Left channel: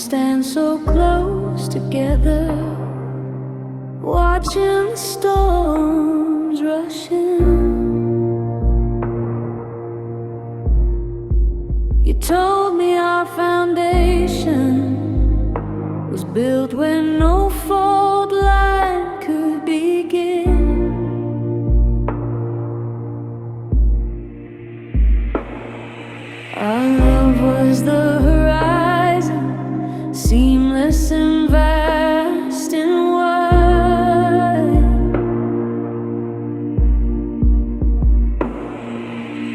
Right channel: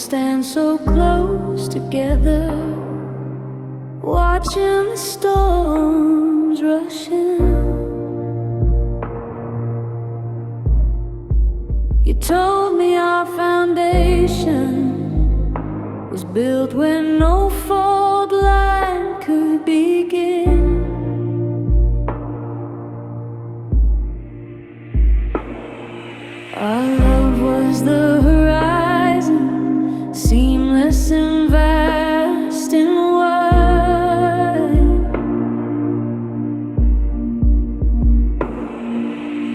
stand so close together, watching the storms rush in. You told me our foundation was built when no fault line could begin. Our love was the horizon, seamless and vast and wide.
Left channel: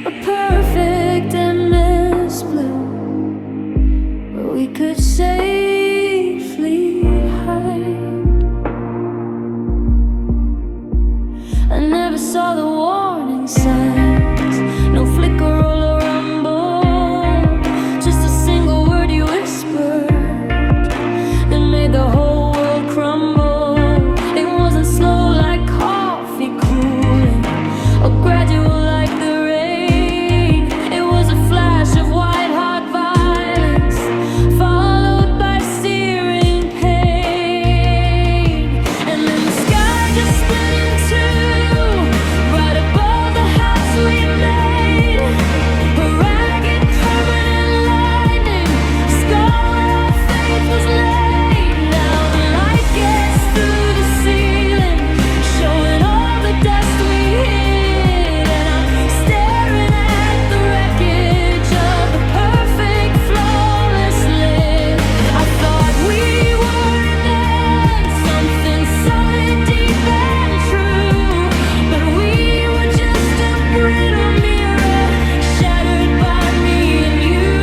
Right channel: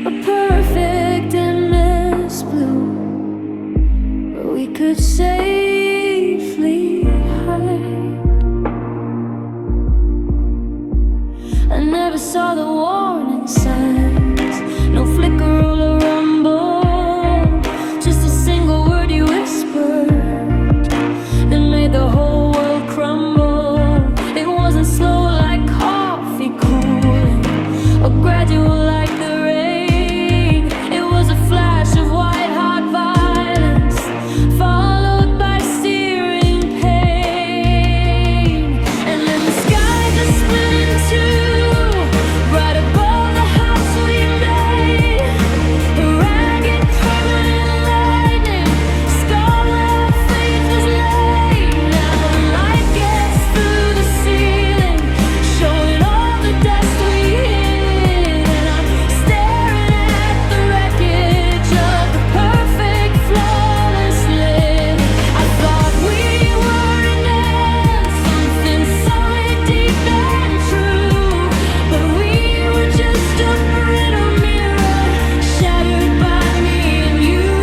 A perfect endless blue where we could safely hide. I never saw the warning signs, no flicker or a rumble, just a single word you whispered that made the whole world crumble. It wasn't slow like coffee cooling or gradual like the rain. It was a flash of white-hot violence followed by searing pain. And then the sky just split in two right above the house we made. A ragged permanent lightning scar where our faith was laid. Now the light gets through the ceiling, showing all the dust we hid. And I'm staring at the wreckage of the perfect, flawless live. I thought we were an end, something solid, deep and true, but we were just a brittle mirror shattered by me and you.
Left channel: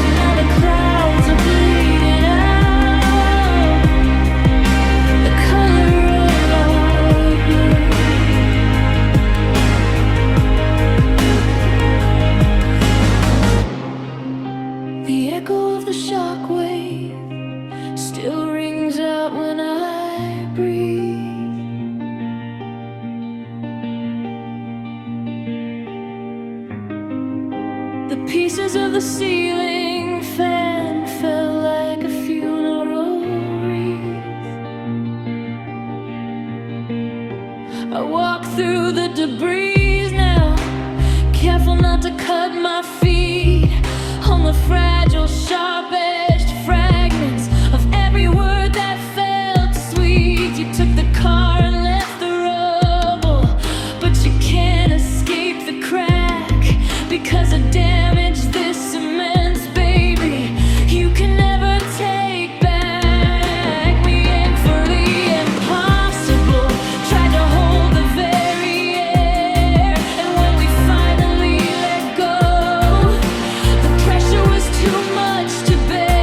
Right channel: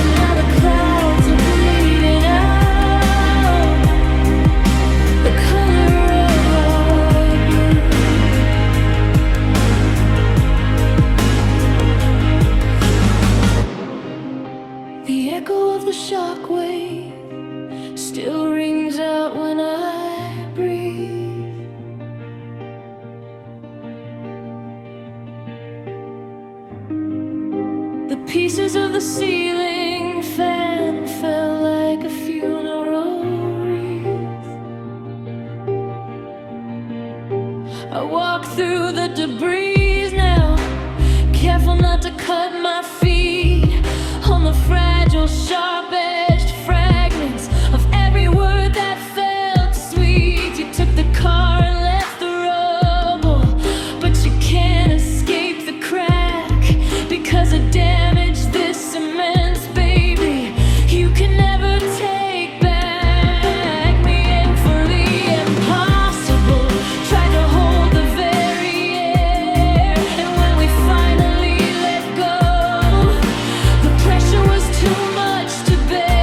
And now the clouds are bleeding out the color of our blue. The echo of the shockwave still rings out when I breathe. The pieces of the ceiling fan fell like a funeral wreath. I walk through the debris now, careful not to cut my feet on the fragile, sharp-edged fragments of every word that felt sweet. You took the car and left the rubble, but you can't escape the crack because of damage this immense, baby. You can never take back. We aimed for the impossible, tried to hold the very air, and when we finally let go, the pressure was too much to bear.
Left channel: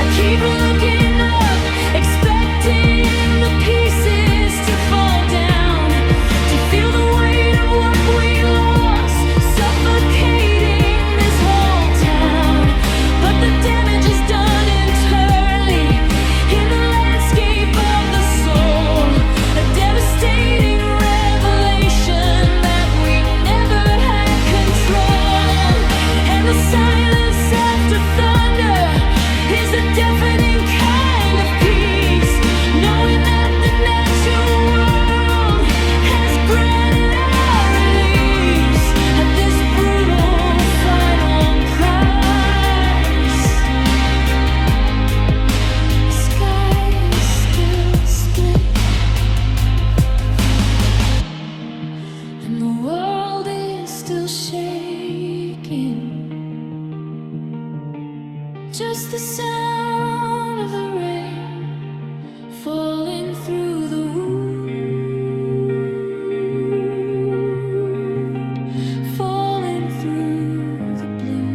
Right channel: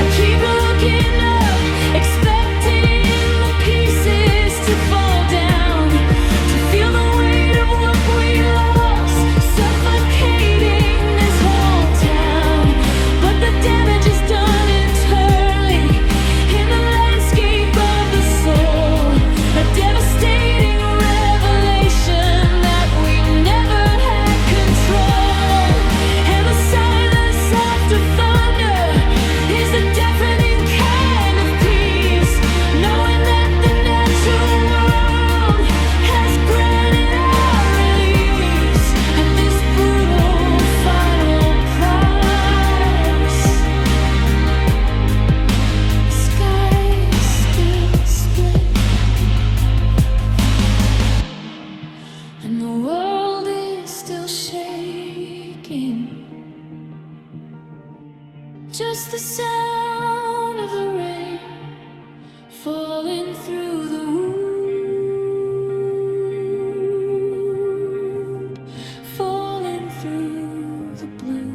I keep looking up, expecting the pieces to fall down, to feel the weight of what we lost suffocating this whole town. But the damage is done internally in the landscape of the soul, a devastating revelation that we never had control. And the silence after thunder is a deafening kind of peace, knowing that the natural world has granted our release at this brutal final price. The sky is still split, and the world is still shaking. Just the sound of the rain falling through the wood, falling through the blue.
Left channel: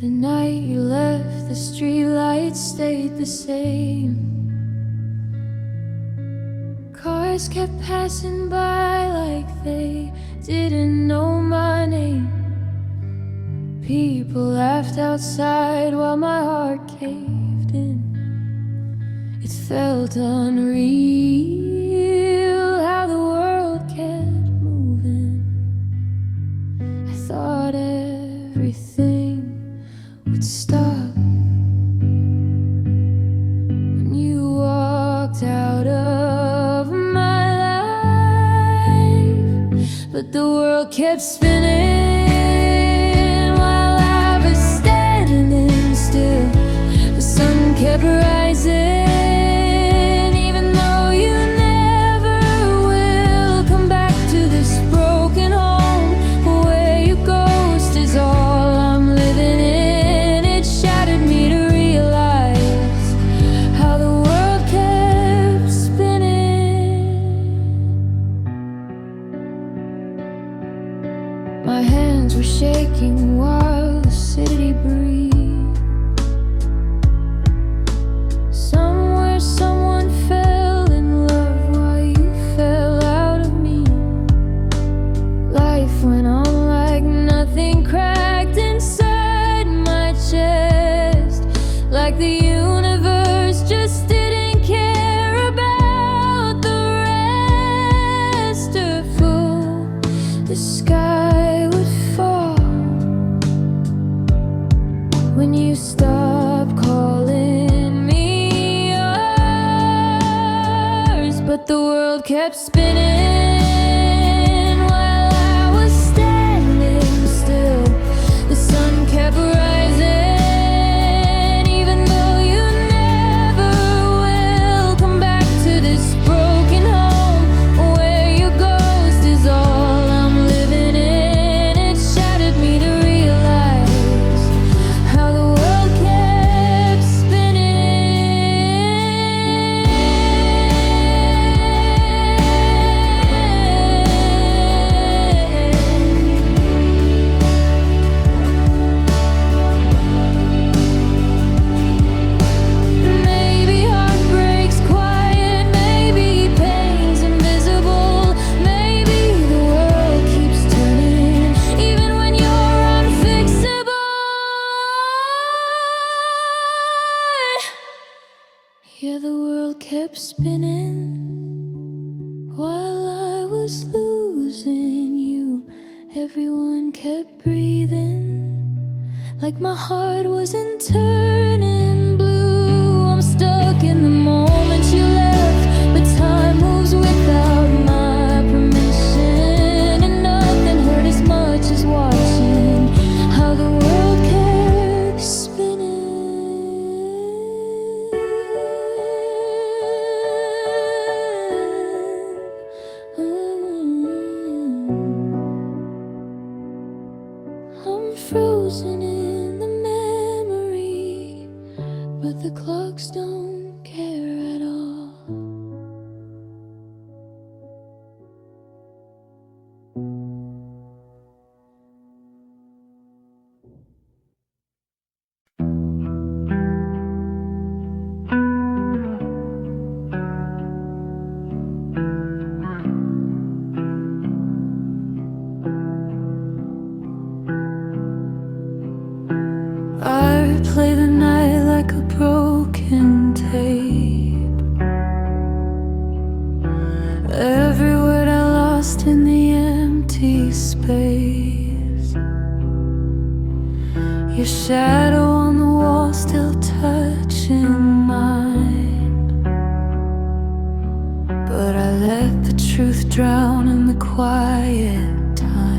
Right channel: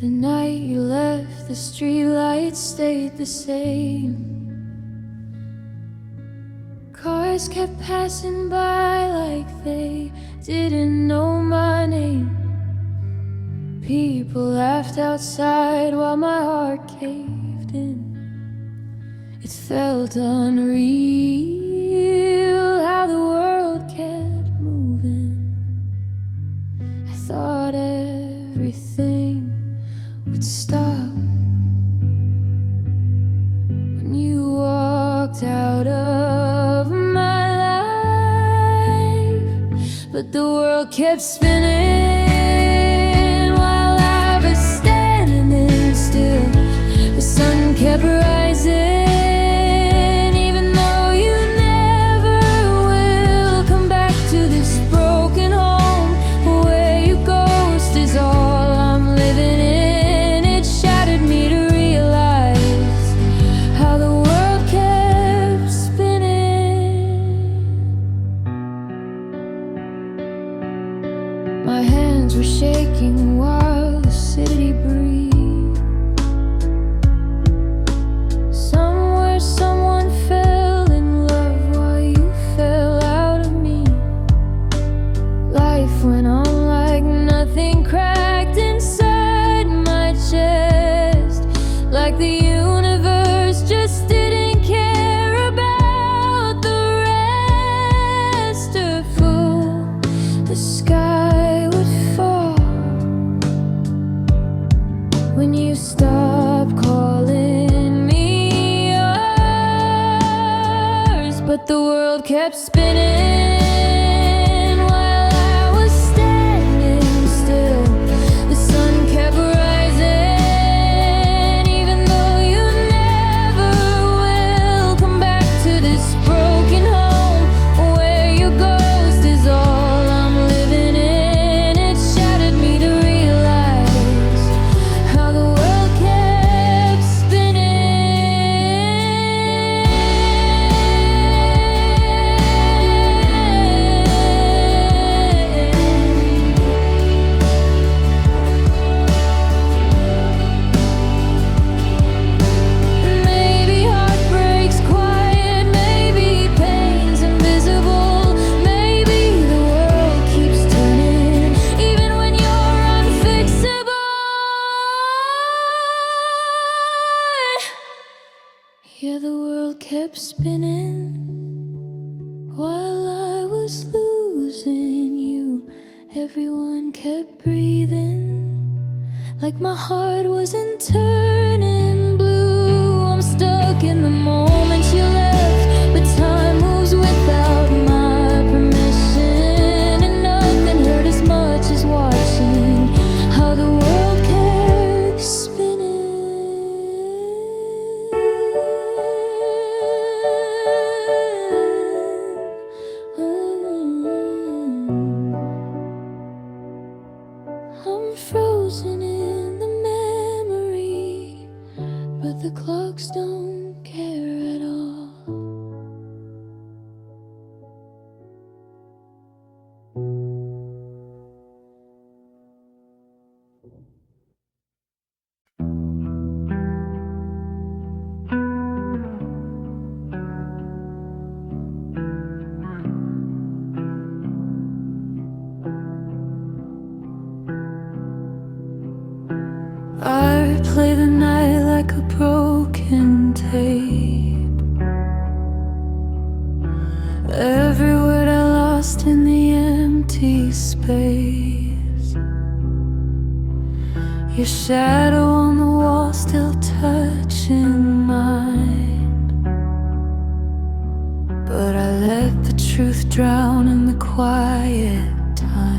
The night you left, the streetlights stayed the same. years kept passing by like they didn't know my name. People laughed outside while my heart caved in. It felt unreal how the world kept moving. I thought everything would stop when you walked out of my life. But the world kept spinning while I was standing still. The sun kept rising. My hands were shaking while the city breathed. Somewhere someone fell in love while you fell out of me. Life went on like nothing, cracked inside my chest, like the universe just didn't care about the rest. A fool, the sky when you stop calling me yours. But the world kept spinning while I was standing still. The sun kept rising, even though you never will come back to this broken home where your ghost is all I'm living in. It shattered me to yeah, the world kept spinning while I was losing you. Everyone kept breathing like my heart wasn't turning blue. I'm stuck in the moment you left, but time moves without my permission, and nothing hurt as much as watching how the world kept spinning. I'm frozen in the memory, but the clocks don't care at all. I replay the night like a broken tape. Every word I lost in the empty space. Your shadow on the wall still touching mine, but I let the truth drown in the quiet time.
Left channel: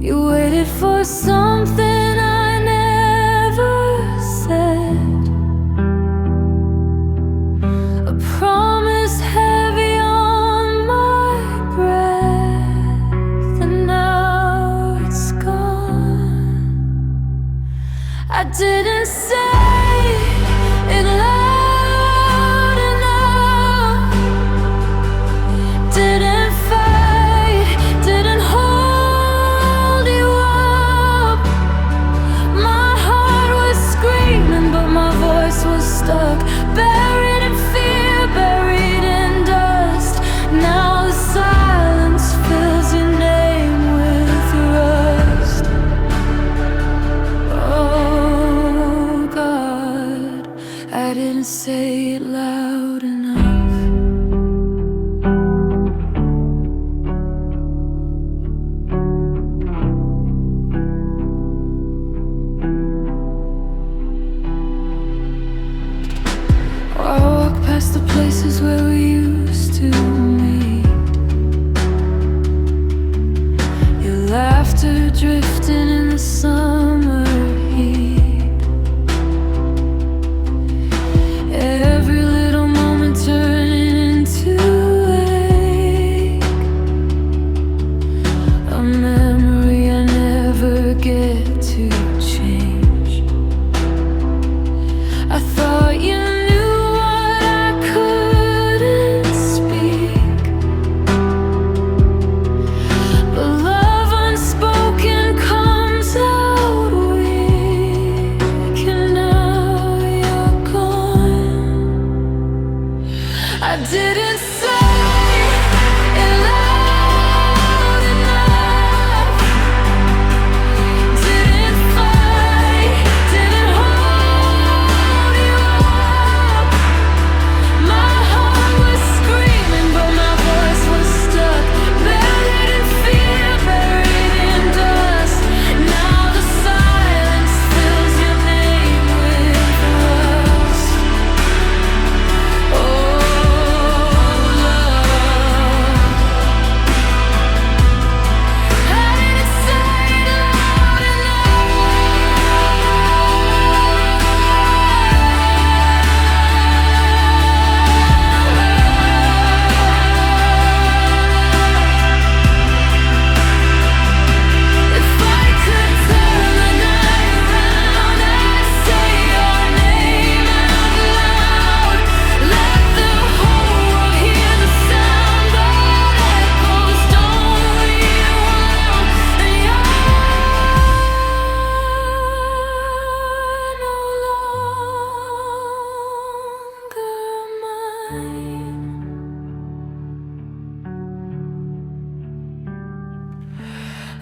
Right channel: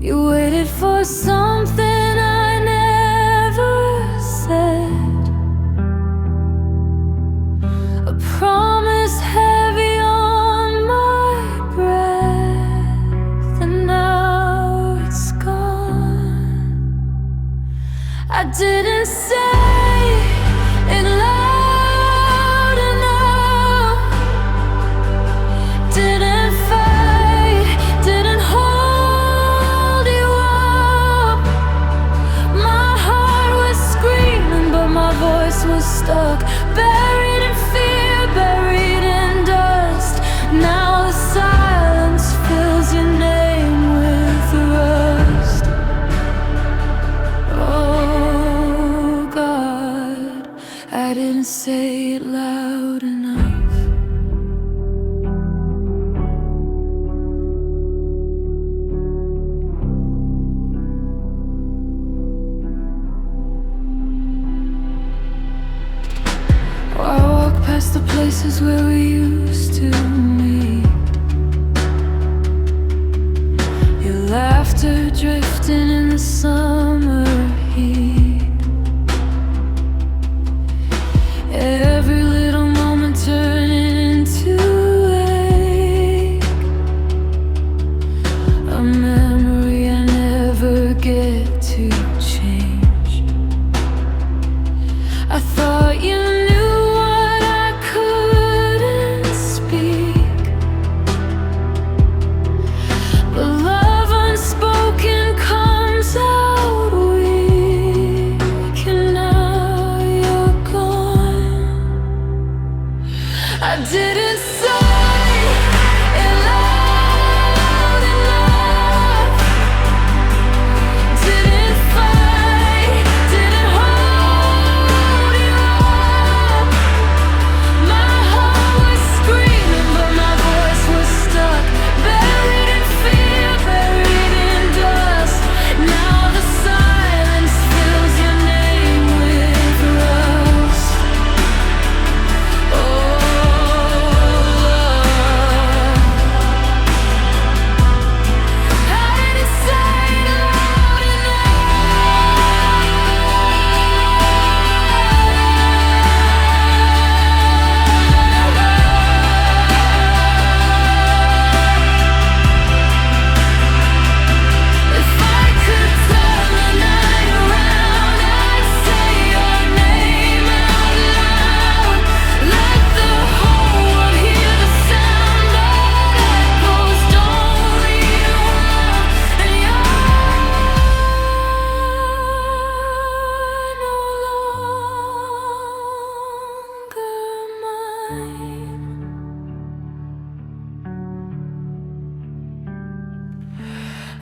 You waited for something I never said, a promise heavy on my breath, and now it's gone. I didn't say it loud enough, didn't fight, didn't hold you up. My heart was screaming, but my voice was stuck, buried in fear, buried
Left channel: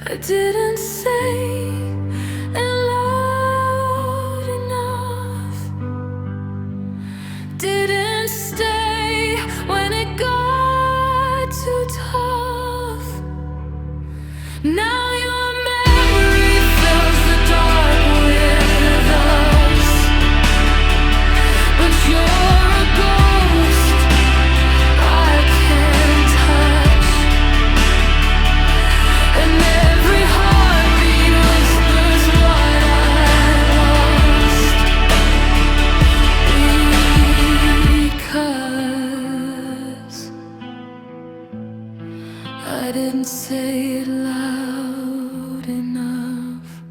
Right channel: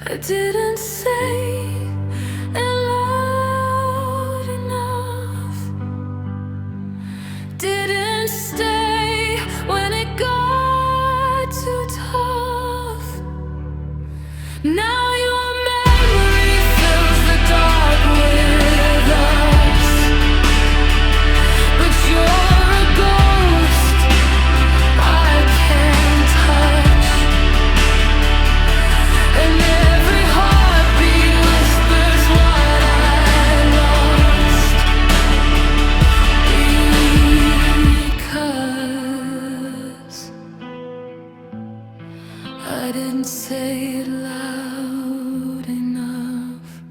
I didn't say it loud enough, didn't stay when it got too tough. Now your memory fills the dark with us, but you're a ghost I can't touch, and every heartbeat whispers what I lost, because I didn't say it loud enough.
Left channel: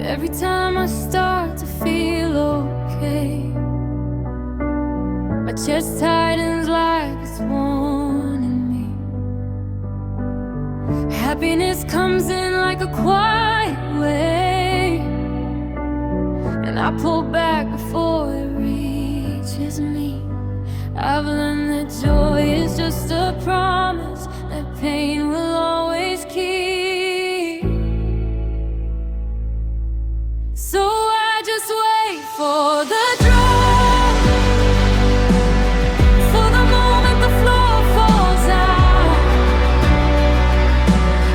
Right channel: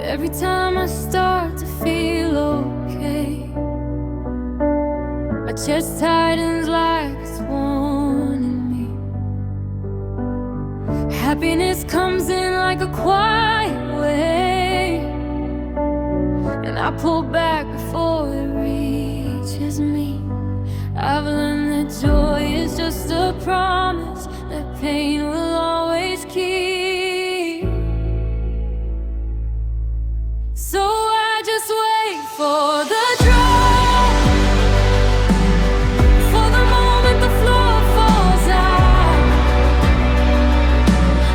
Every time I start to feel okay, my chest tightens like it's warning me. Happiness comes in like a quiet wave, and I pull back before it reaches me. I've learned that joy is just a promise that pain will always keep. So I just wait for the drop, for the moment the floor falls out.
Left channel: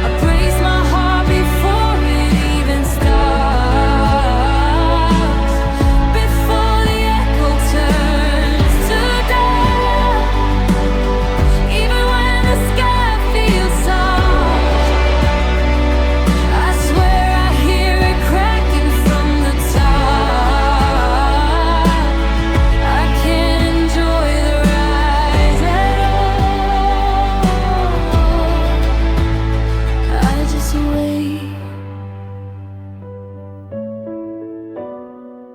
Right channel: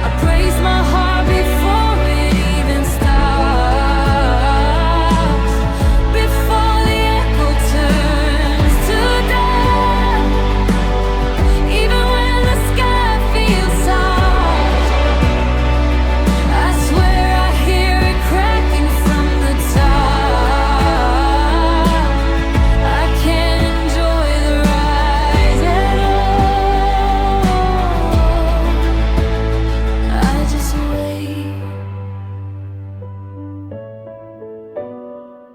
I brace my heart before it even stops, before the echo turns to doubt. Even when the sky feels soft, I swear I hear it cracking from the top. I can't enjoy the rise at all. I just wait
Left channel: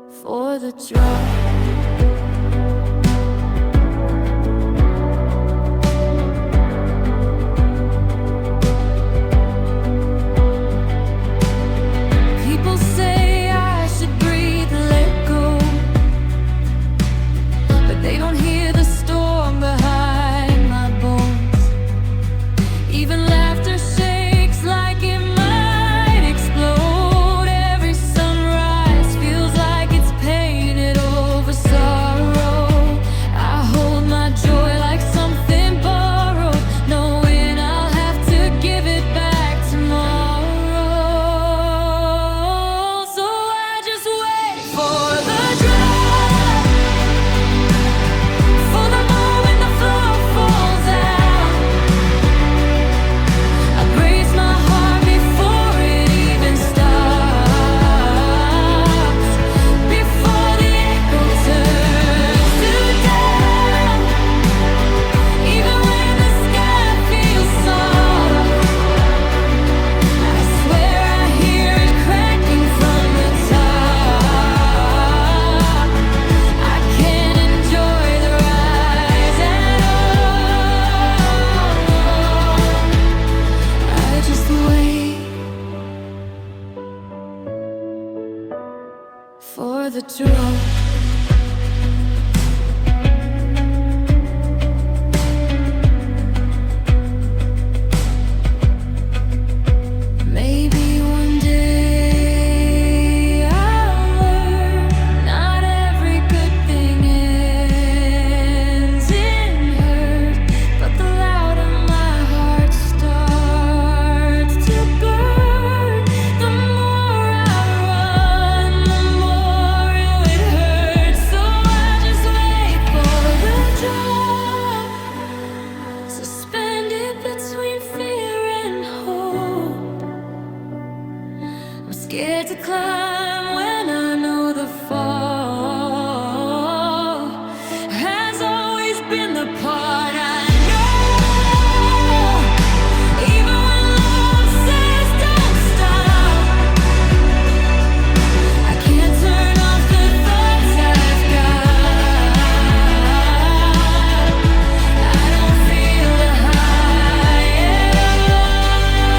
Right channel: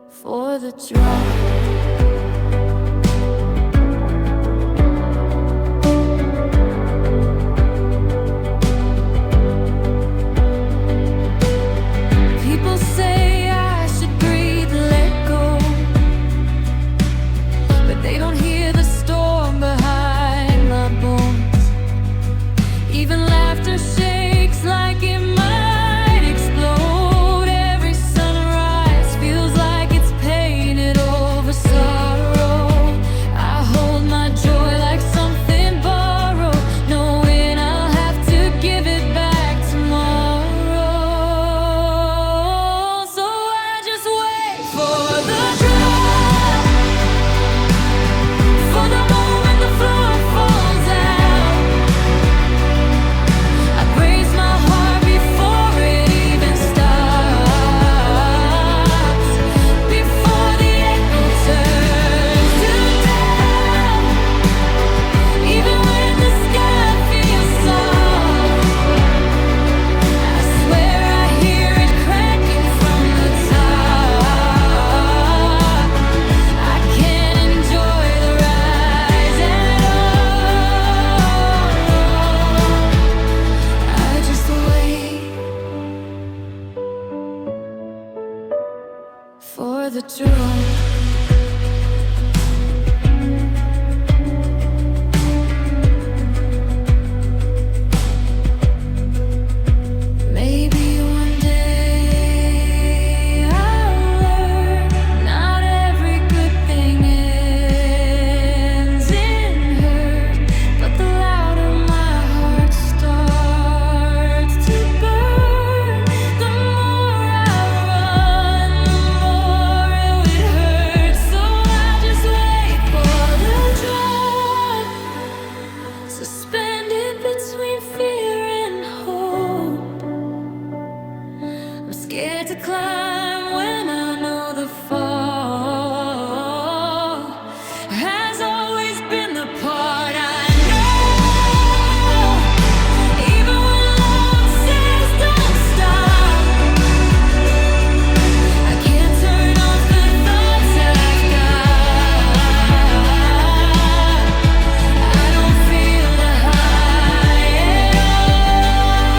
for the drop. People say I should breathe, let go, but they don't hear the storm behind my bones. Even laughter shakes like it might explode. Every sunrise feels like it's painted over sorrow. I hold my joy like something borrowed, knowing I'll have to give it back tomorrow. So I just wait for the drop, for the moment the floor falls out. I brace my heart before it even stops, before the echo turns to doubt. Even when the sky feels soft, I swear I hear it cracking from the top. I can't enjoy the rise at all. I just wait for the drop. Maybe one day I'll learn not every good thing ends in hurt, but the louder my heart starts to burn, the more I run, the more it would hurt. So I just wait for the drop, suspended between fear and hope. I'm scared to climb when I know the fall has always been the part I know. Even when love says don't stop, I can't turn off the thoughts I've got. I don't feel the high at all.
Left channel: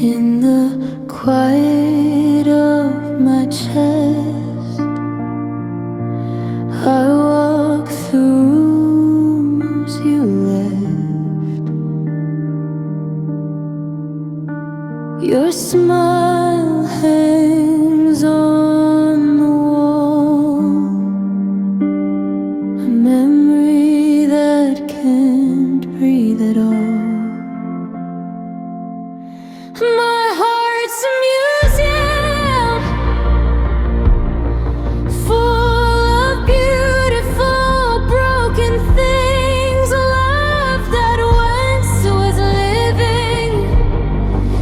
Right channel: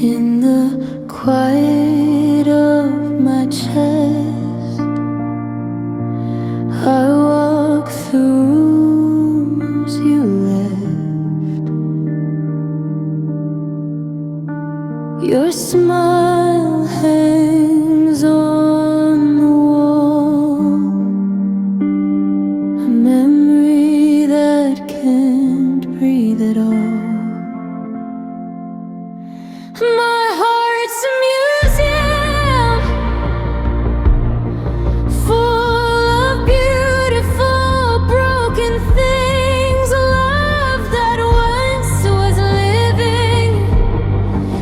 In the quiet of my chest, I walk through rooms you left. Your smile hangs on the wall, a memory that can't breathe at all. My heart's a museum full of beautiful broken things, love that once was living,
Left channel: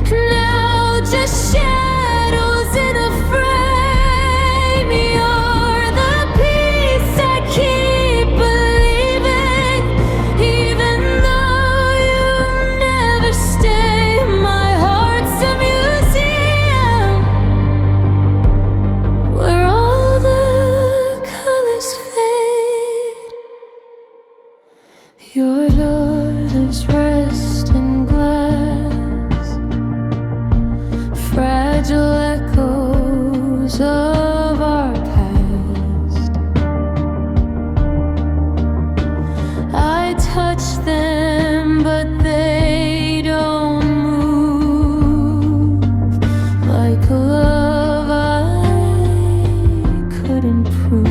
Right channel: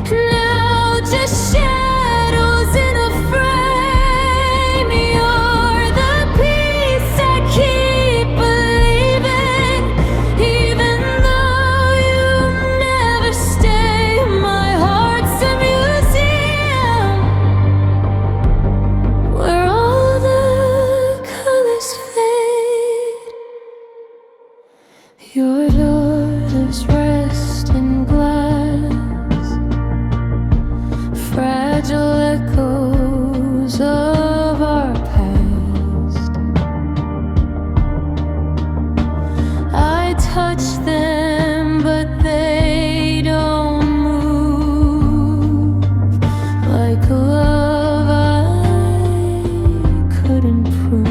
now just shadows in a frame. You're the peace I keep believing, even though you never stay. My heart's a museum where all the colors fade. Your daughters rest in glass, fragile echoes of our past. I touch them, but they don't move like a love I couldn't prove.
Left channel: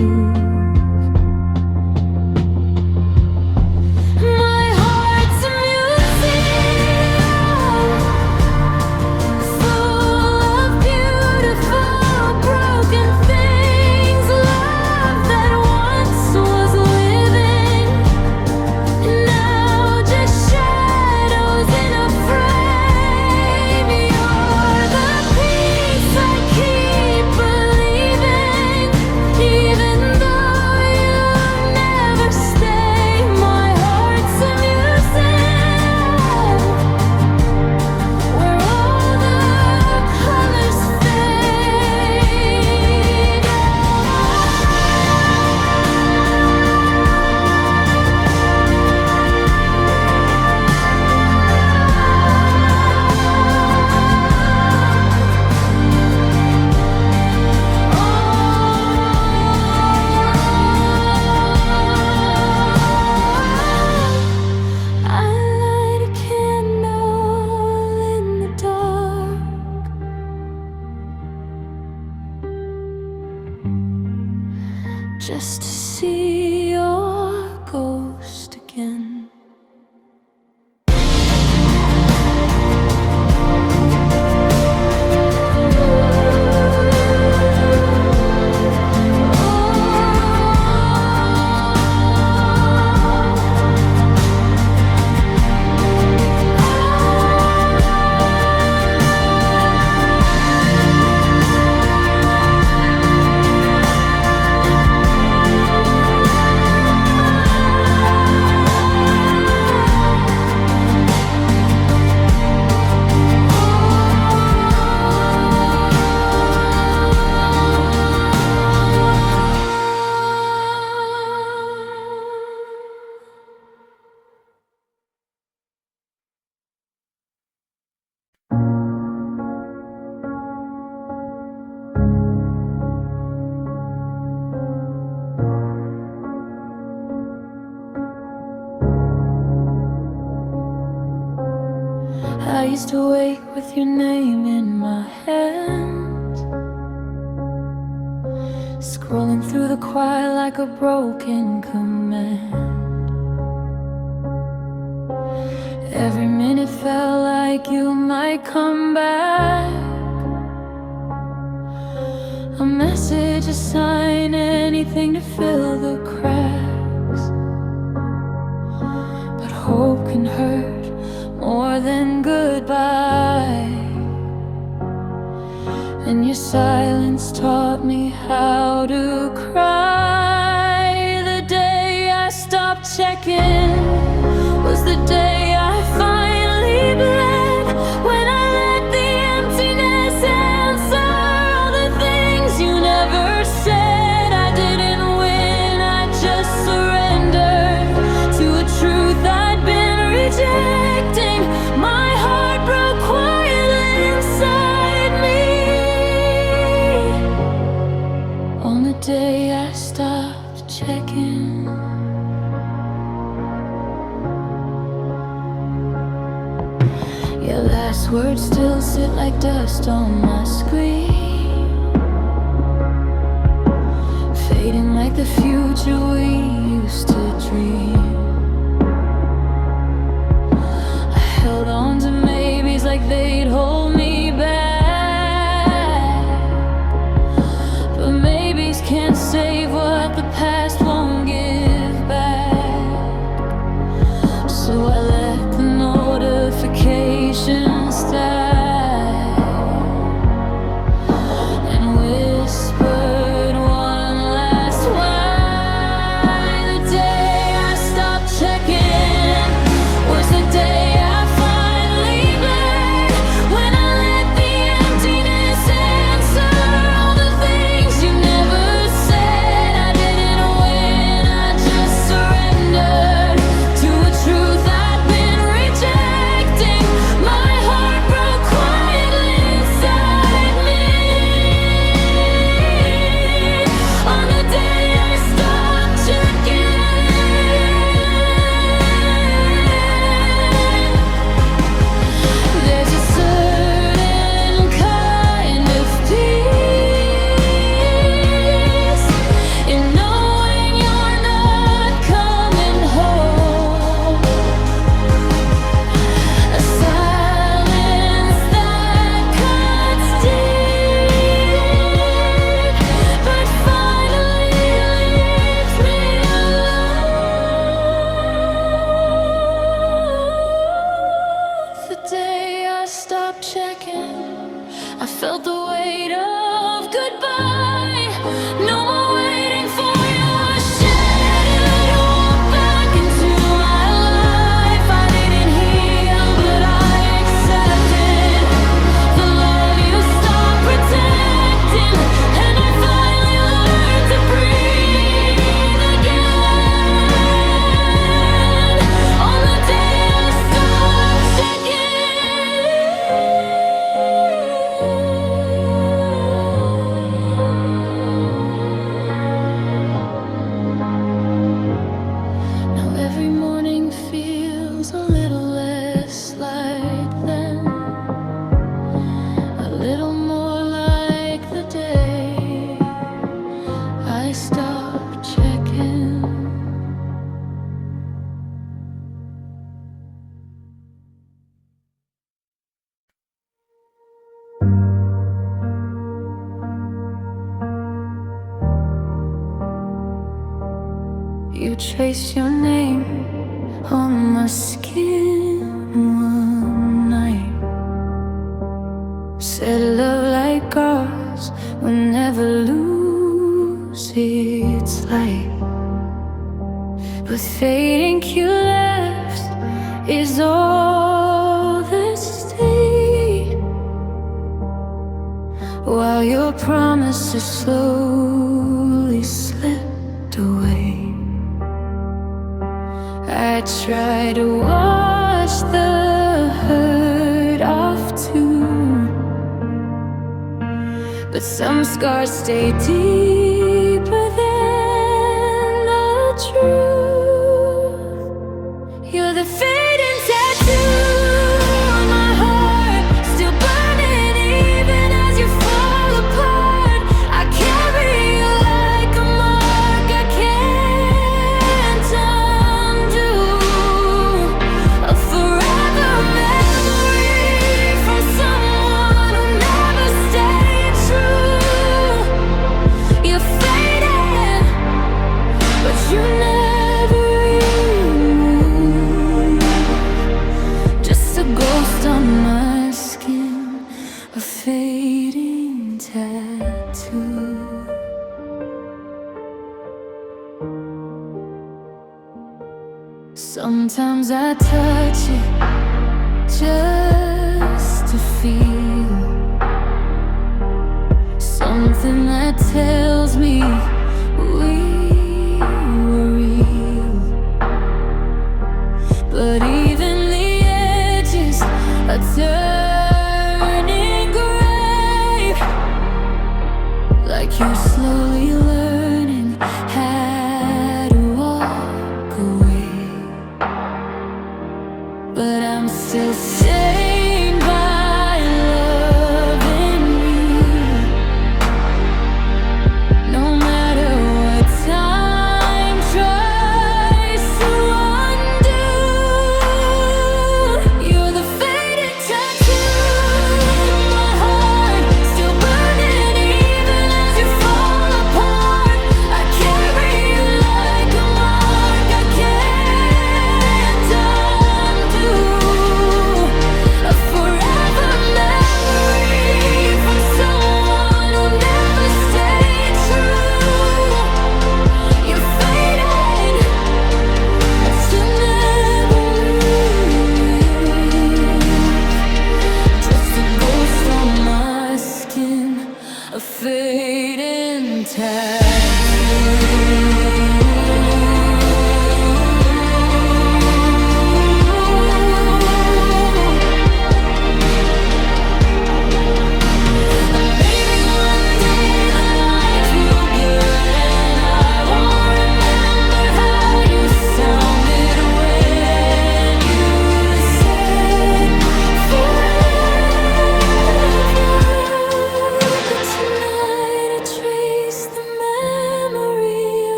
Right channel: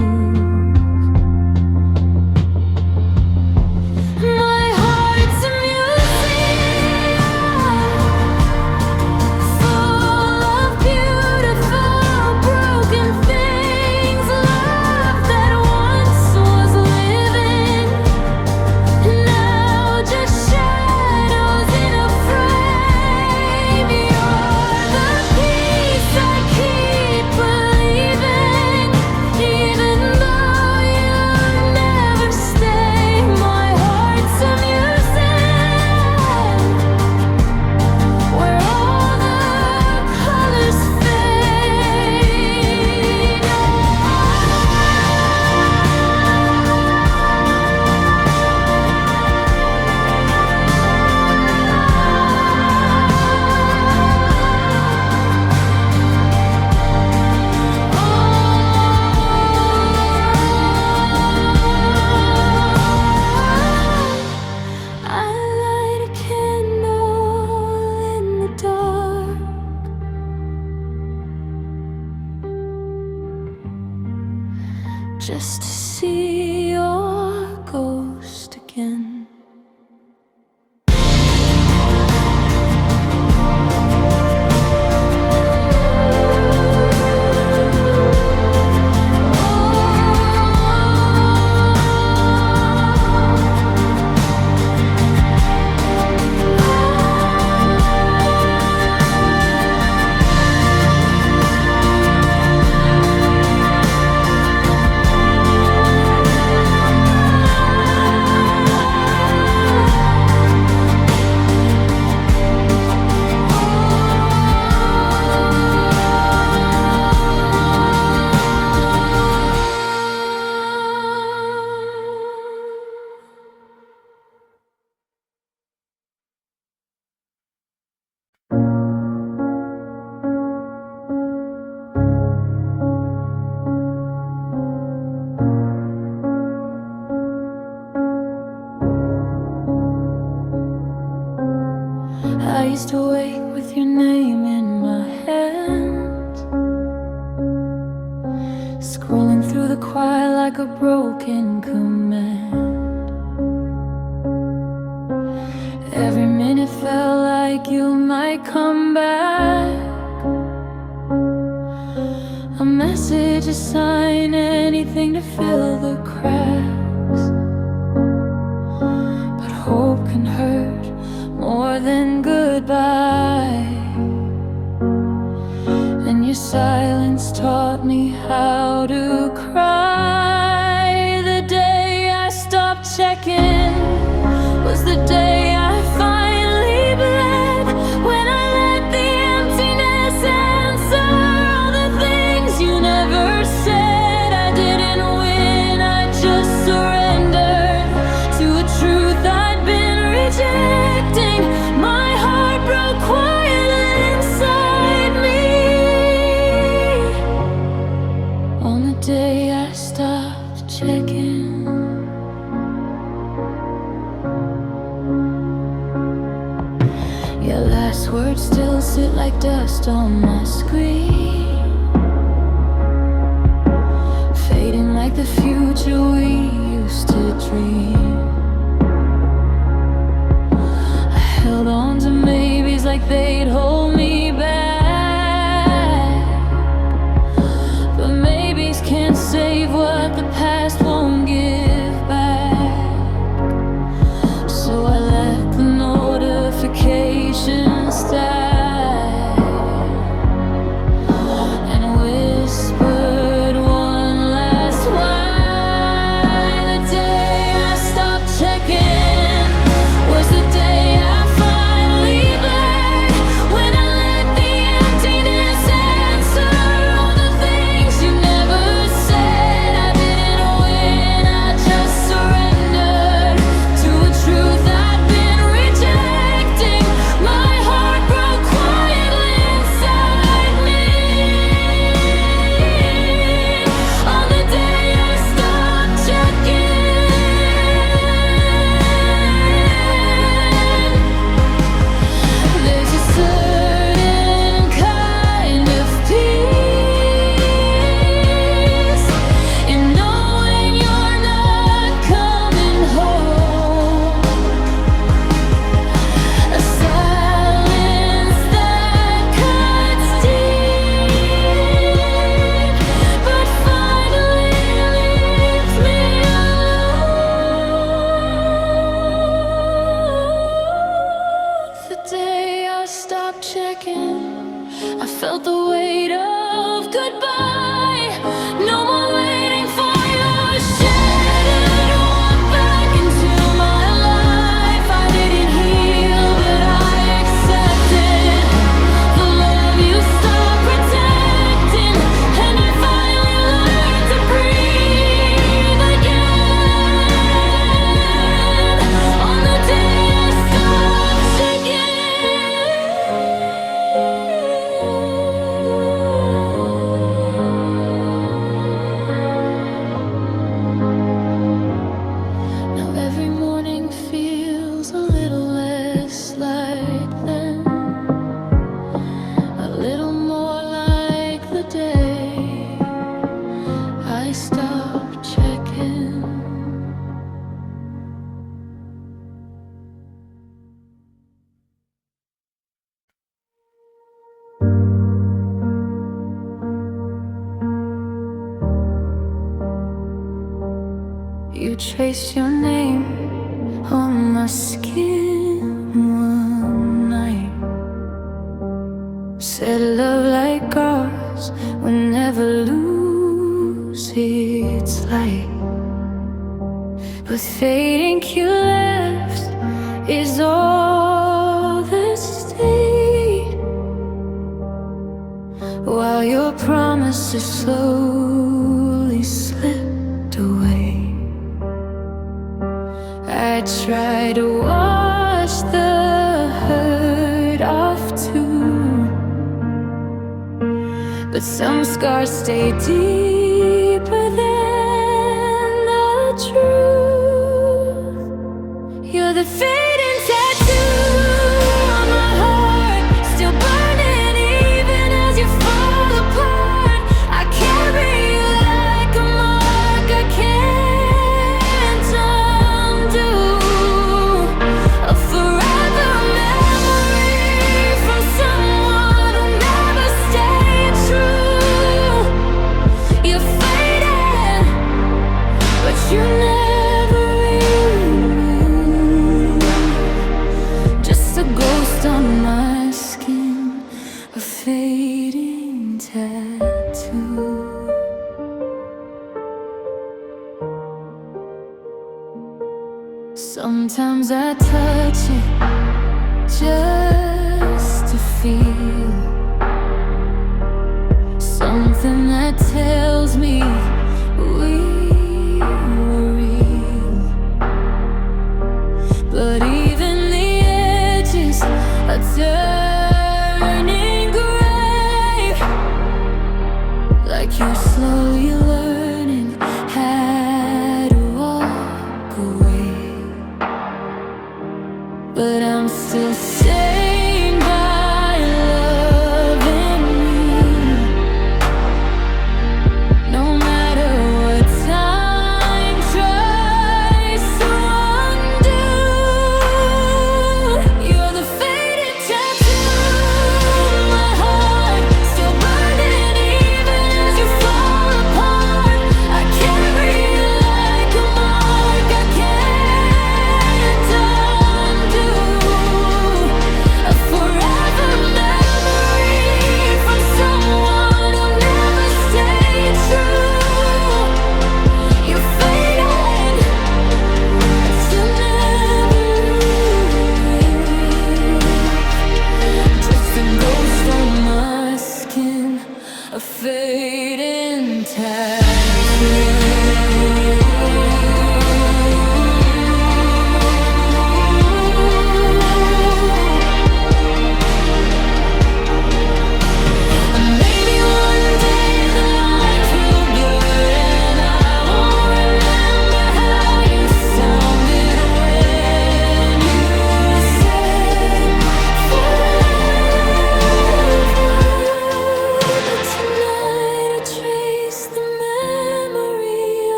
My heart's a museum full of beautiful broken things, love that once was living, now just shadows in a frame. You're the peace I keep believing, even though you never stay. My heart's a museum where all the colors fade. I light a candle in the dark, just to see your ghost again. I used to wake with your name in my hand, scrolling through the quiet like a broken command. Every minute felt like you might come back, a message, a sign, anything to fill the cracks. But hope can hurt more than goodbye, and your silence taught me how to cry. The day I stopped checking was the day I finally bled, when I let the emptiness answer all the things you never said. I didn't win, I just surrendered to a truth I'd been rejecting. My heart broke quietly in Your last words still sit like dust on my screen, fading like the future we used to dream. I held on to maybes like they'd hold me back, but maybes can't save what the past won't give back. So I let the notifications die and whispered one last why. The day I stopped checking was the day I finally bled, when I let the emptiness answer all the things you never said. I didn't win, I just surrendered to a truth I'd been rejecting. My heart broke quietly inside me on the day I stopped checking. There's a certain kind of peace in knowing you're not coming home, a silence that cuts deep, but finally leaves me alone. The day I stopped checking, I felt the weight of goodbye. No more waiting for your shadow to walk back into my life. I didn't heal, but I accepted the love you stopped protecting, and I finally learned to breathe again on the day I stopped checking. Now every morning feels a little less like then, a little more like the day I stopped checking. You traced your name on my skin one night, said love like ours will never lose its light, but fading you left is all that stayed, while your promises slowly slipped away. I try to wash the hurt off too, but some scars stay deeper than the truth. You're the fading tattoo on my heart, still burning even as you fall apart. I carry you like a mark I can't undo, a forever memory from someone who never stayed true. You're faded, but you never really move. Just a ghost on my skin, a fading tattoo. Sometimes I touch it just to feel something that tells me we were real. But even the edges are turning gray, like you're slowly learning how to walk away. But I'm still staying a fading tattoo.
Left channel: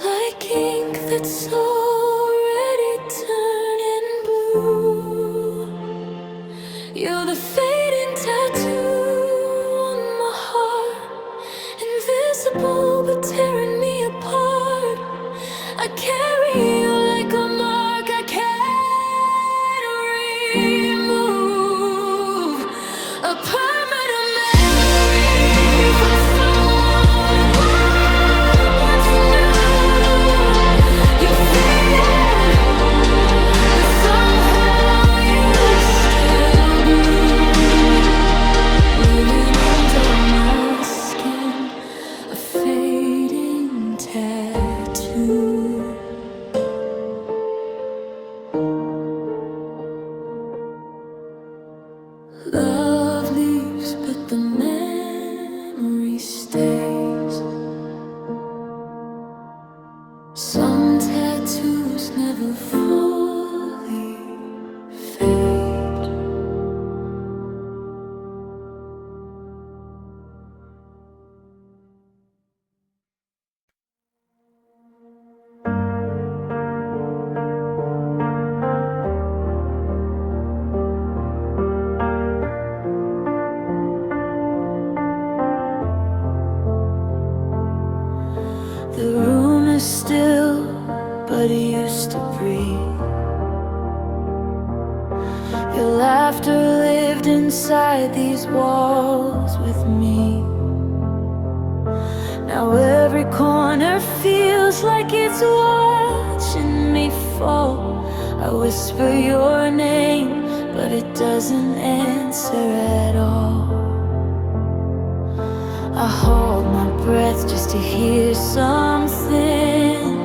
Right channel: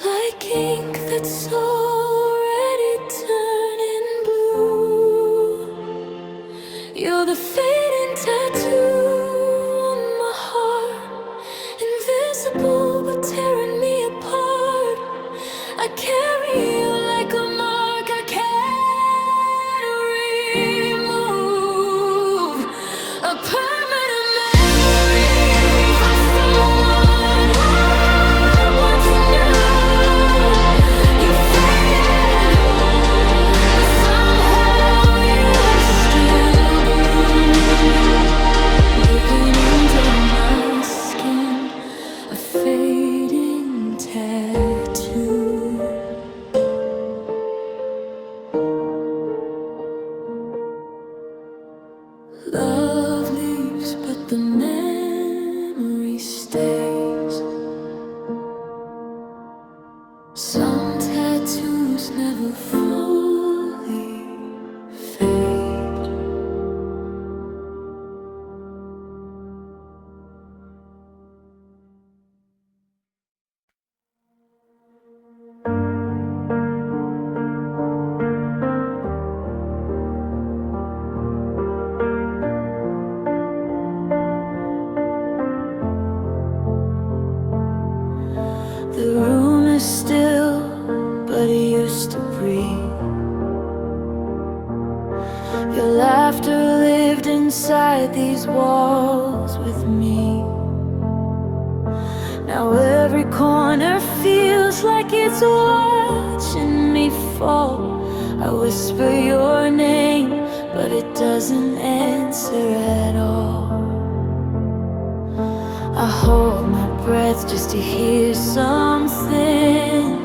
Like ink that's already turning blue, you're the fading tattoo on my heart, invisible but tearing me apart. I carry you like a mark I can't remove, a permanent memory from someone who once knew. You faded, but somehow you still bloom, living under my skin, a fading tattoo. Love leaves, but the memory stays. Some tattoos never fully fade. The room is still, but it used to breathe. Your laughter lived inside these walls with me. Now every corner feels like it's watching me fall. I whisper your name, but it doesn't answer at all. I hold my breath just to hear something,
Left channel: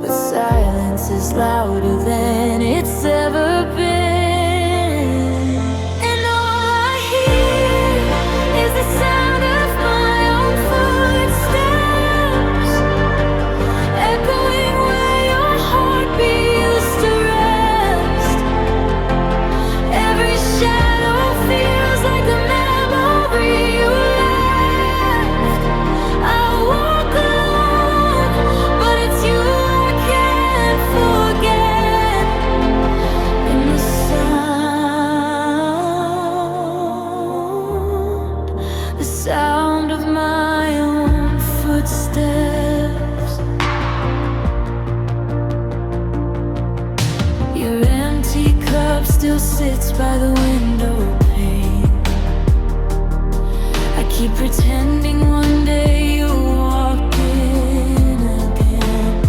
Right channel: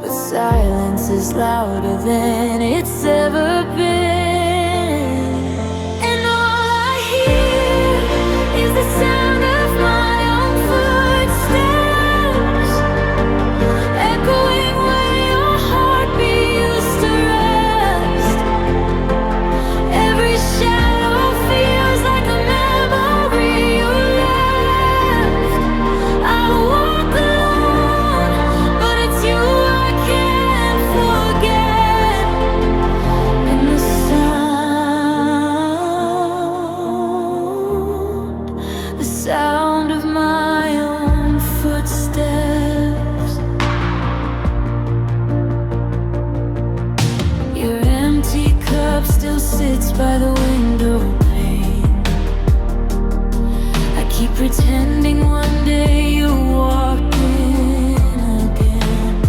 but silence is louder than it's ever been. And all I hear is the sound of my own footsteps, echoing where your heartbeat used to rest. Every shadow feels like a sound of my own footsteps. Your empty cup still sits by the window pane. I keep pretending one day you'll walk in again,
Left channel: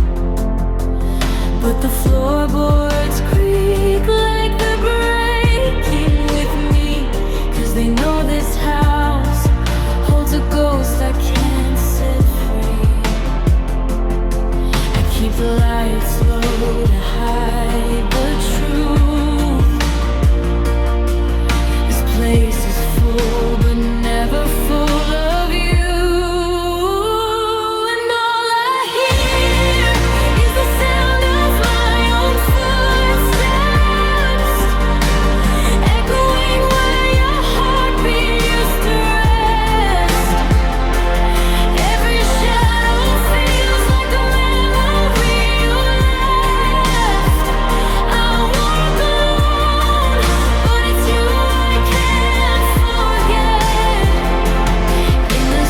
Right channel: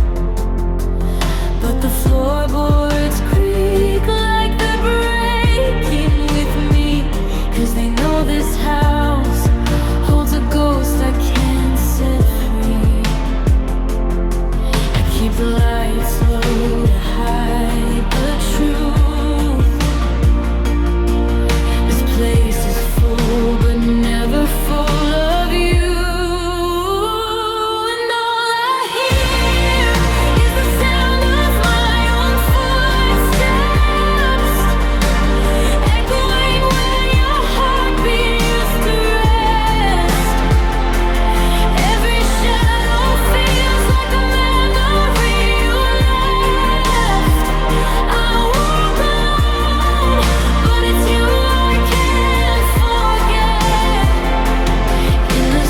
but the floorboards creak like they're breaking with me, 'cause they know this house holds a ghost I can't set free. I keep the lights low to hide the truth. This place is full, but never full of you. And all I hear is the sound of my own footsteps, echoing where your heartbeat used to rest. Every shadow feels like a memory you left. I walk alone, but it's you I can't forget. In the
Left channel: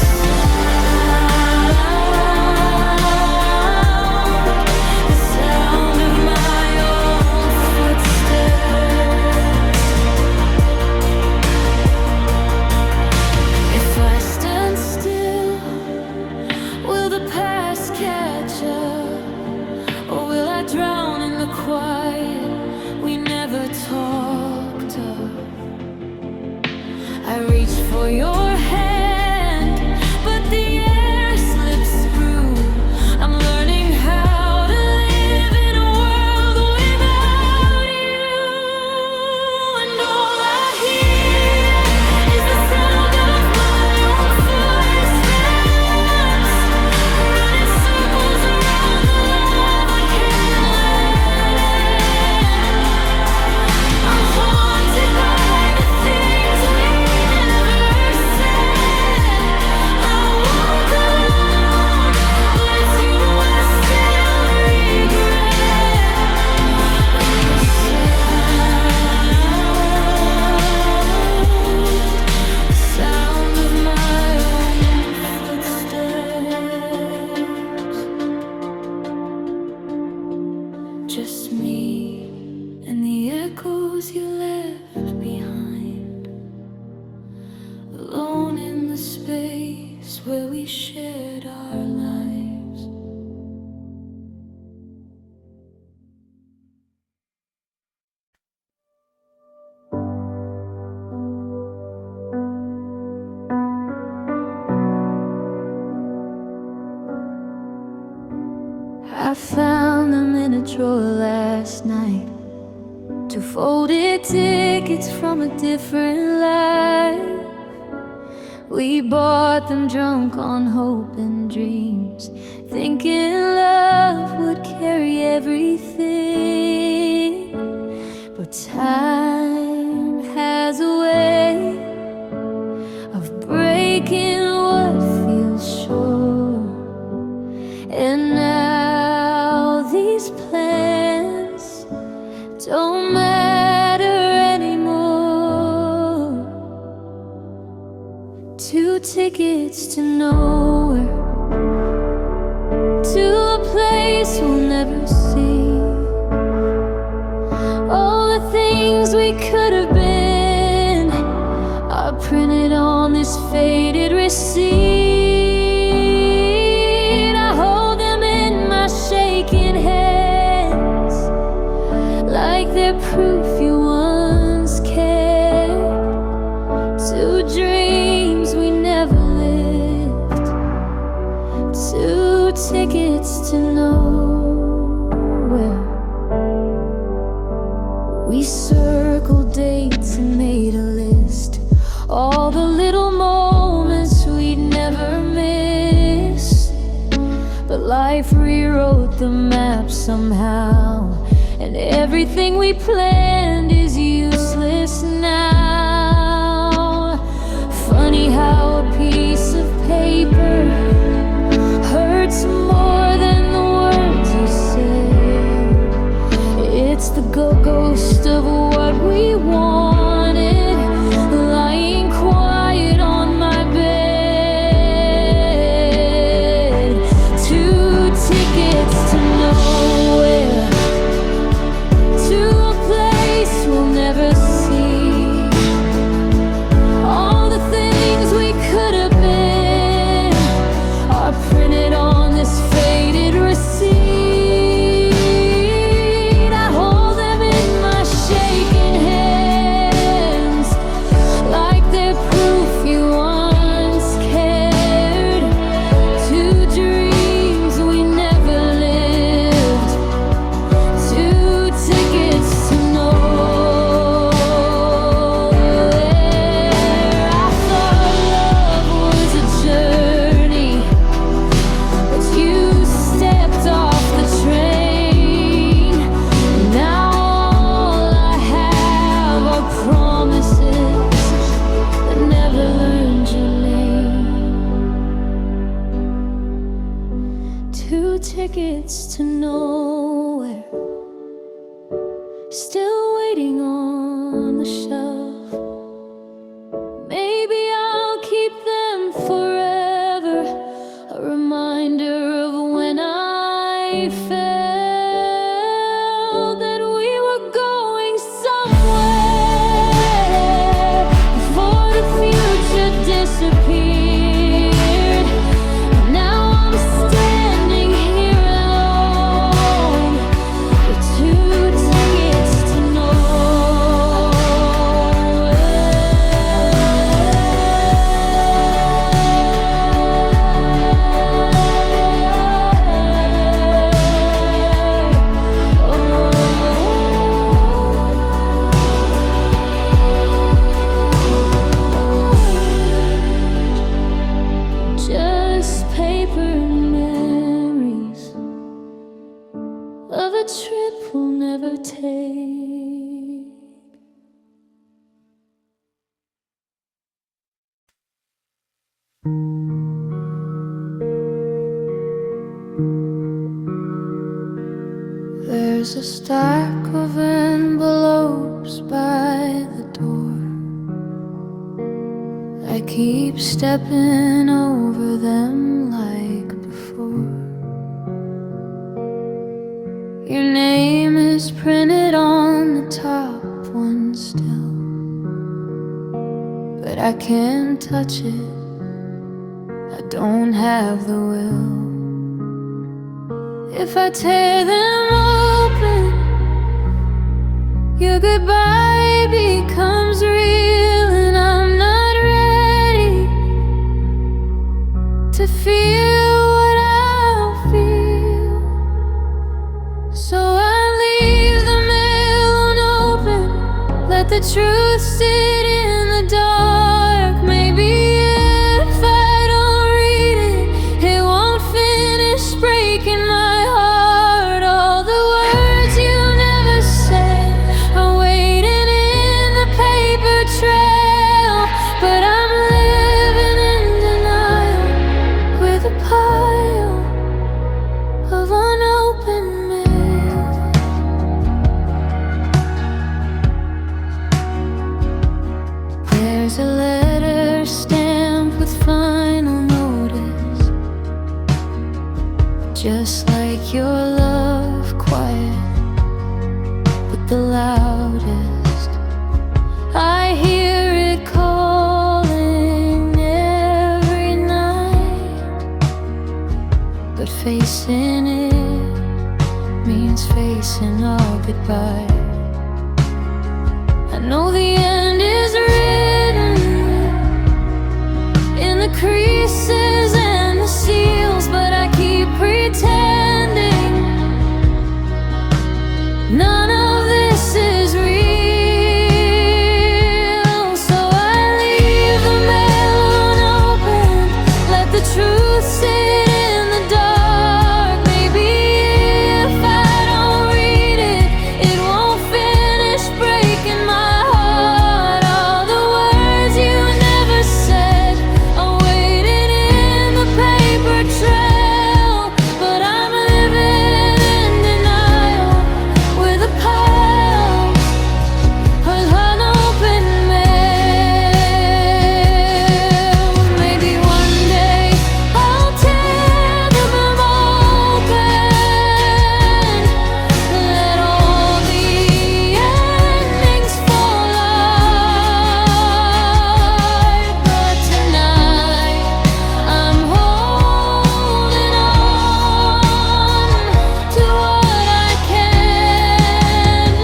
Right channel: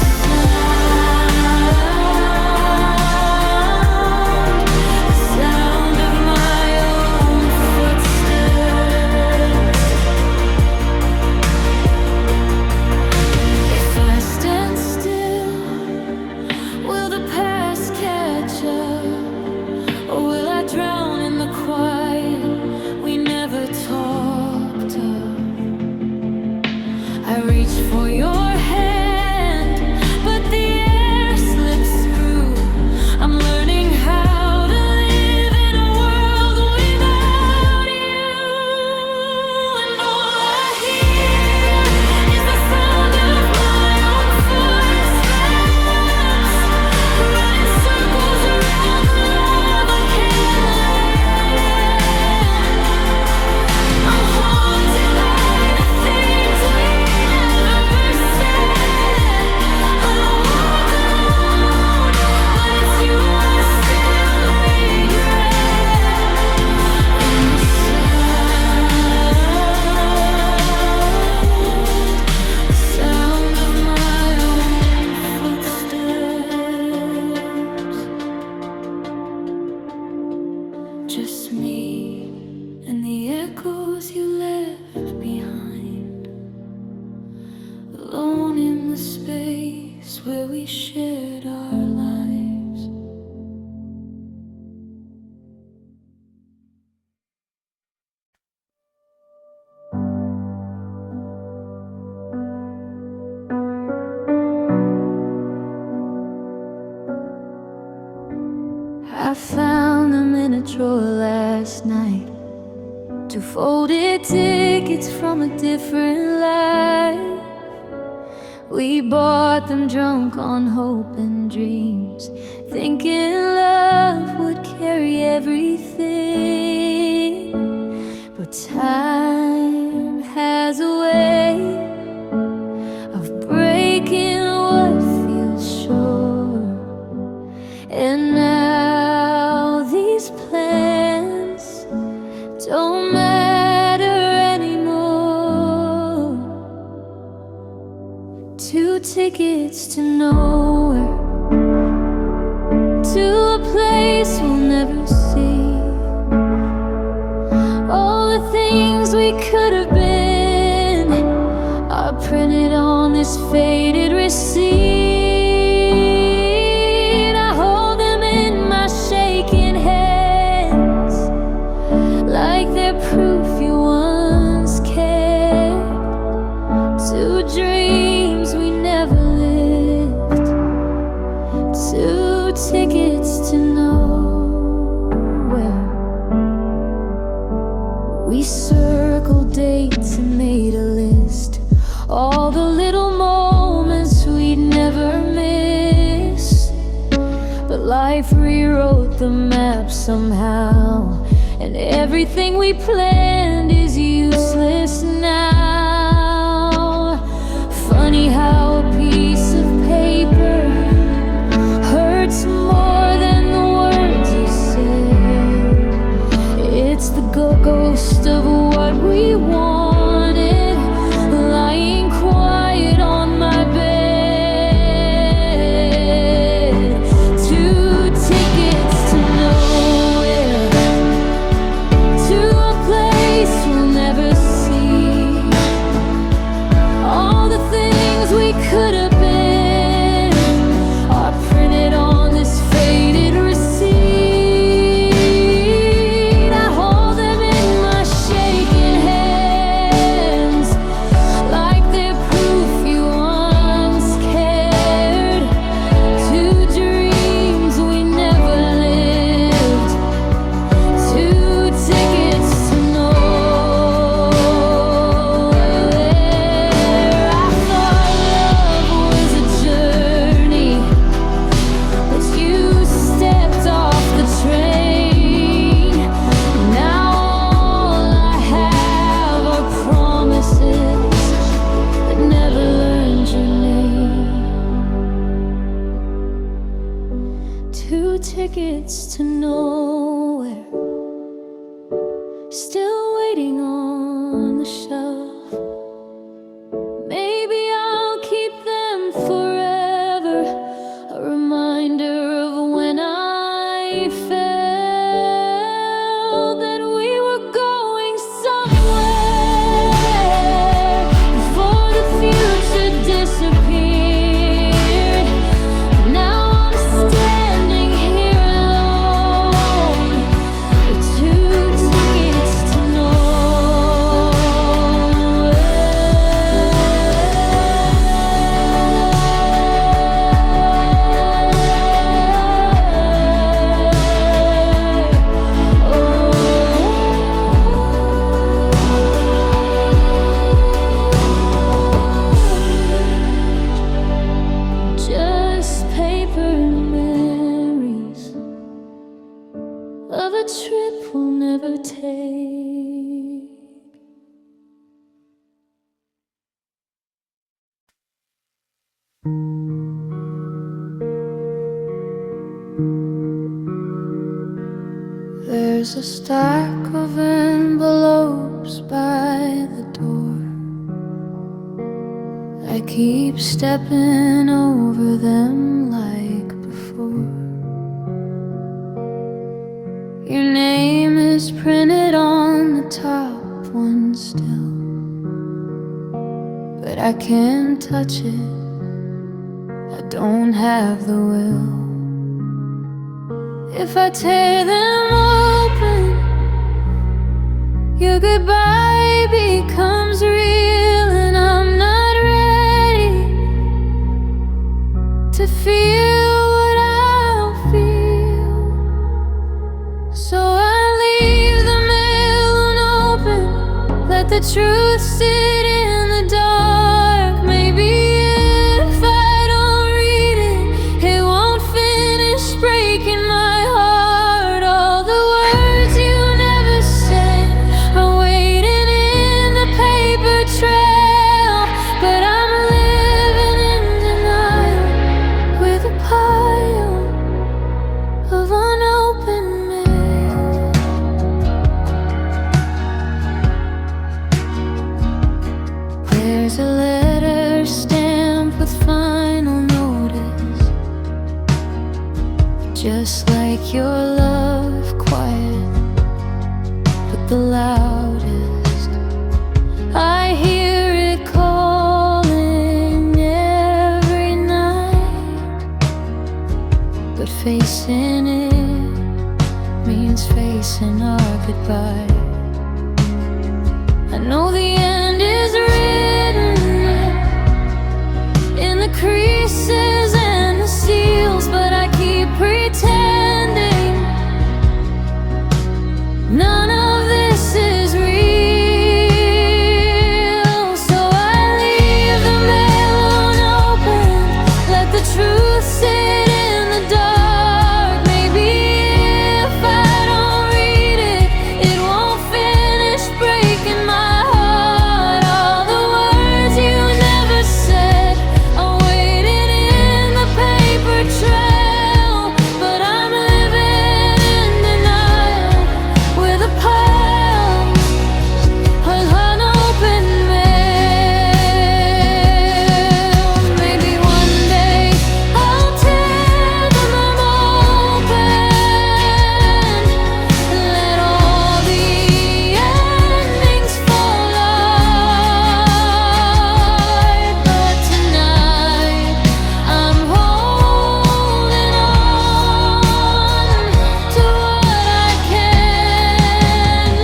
sound of my own footsteps. If I stand still, will the past catch up? Or will I drown in the quiet we never talk cup. I reach for your hand, but the air slips through. I'm learning how to live in a world without you. And all I hear is the sound of my own footsteps, running circles around the love I can't let in. I'm haunted by the things we never said. I walk alone, but it's you I still regret. In the sound of my own footsteps. Just me and the echoes you left behind, alone in the space where we shared our lives. I found them in a drawer last night, 2 folded tickets from a different life. We bought them drunk on hope and dreams, thinking love would carry everything. But time has a way of breaking what feels sure. And now these plans don't matter anymore. 2 tickets to nowhere, to a place we'll never see. All the things we could have been are printed on this faded receipt. I hold them in my shaking hands, like they're proof you once cared. 2 dreams we never lived, 2 tickets to nowhere. We circled dates and made a list, all the little moments we'd never miss. But life rewrote the map somehow, and everything we planned is useless now. Funny how a piece of paper hurts more than the words you say. It's the ghost of what we wanted, lying quiet on my bed. 2 tickets to nowhere, to a place we'll never see. All the things we could have been are printed on this faded receipt. I hold them in my shaking hands, like they're proof you once cared. 2 dreams we never lived, 2 tickets to nowhere. I thought love was a journey, but you stepped off the train. Now all I have are promises that never learned your name. 2 tickets to nowhere, still waiting on the shelf. Maybe I'll keep them forever, a reminder of when I felt that we were going somewhere before the future disappeared. Now I'm standing here alone with 2 tickets to nowhere. trip will never take. There's a stack of envelopes by the door. I keep stepping over them like before. Your name is printed on the top one still, but I can't touch it, I don't have the will. If I tear them open, your goodbye becomes real, and I'm not ready to feel what I'll feel. So I leave the mail unopened, let the truth sit in the dark. Maybe if I don't read it, it won't finish breaking my heart. All the words you never said are waiting in the paper trail, but I'm living in denial with a pile of unopened mail. There's a letter stamped with final notice, just like your love, quiet but the loudest. I hear it calling every night, but facing it means facing our goodbye. I know the end is written in the creases and the seals, but I keep pretending none of this is real. So I leave the mail unopened, let the truth sit in the dark. Maybe if I don't read it, it won't finish breaking my heart. All the words you never said are waiting in the paper trail, but I'm living in denial with a pile of unopened mail. Maybe one day I'll tear them open, let all the endings fall out. But tonight I'm holding on to what I can't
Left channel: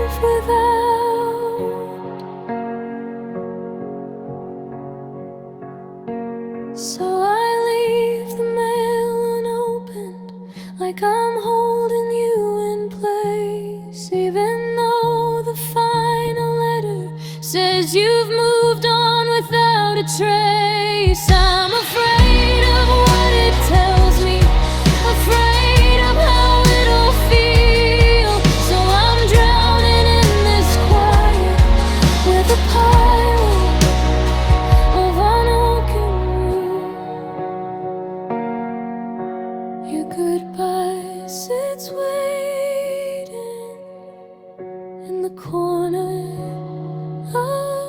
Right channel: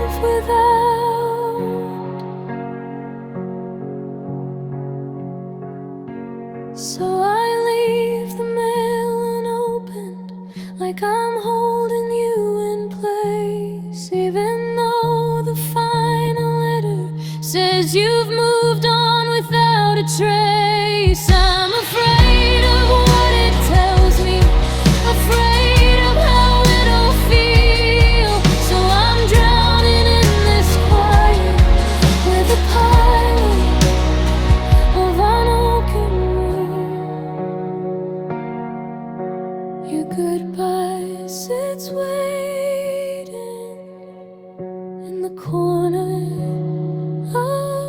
live without. So I leave the mail unopened, like I'm holding you in place, even though the final letter says you've moved on without a trace. I'm afraid of what it tells me, afraid of how it'll feel. So I'm drowning in this quiet with a pile of unopened room. Your goodbye sits waiting in the corner of